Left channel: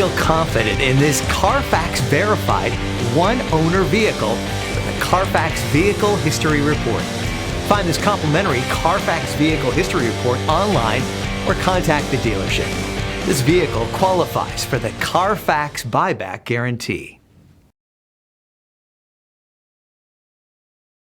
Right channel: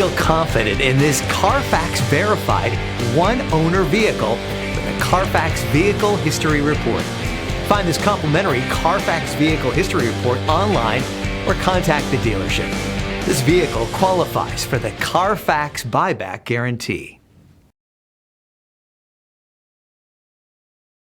Feel confident in this Carfax verified one-owner vehicle with a Carfax Vehicle History Report. Find this complimentary Carfax Vehicle History Report online or contact the dealership. This vehicle qualifies for the Carfax Buyback Guarantee.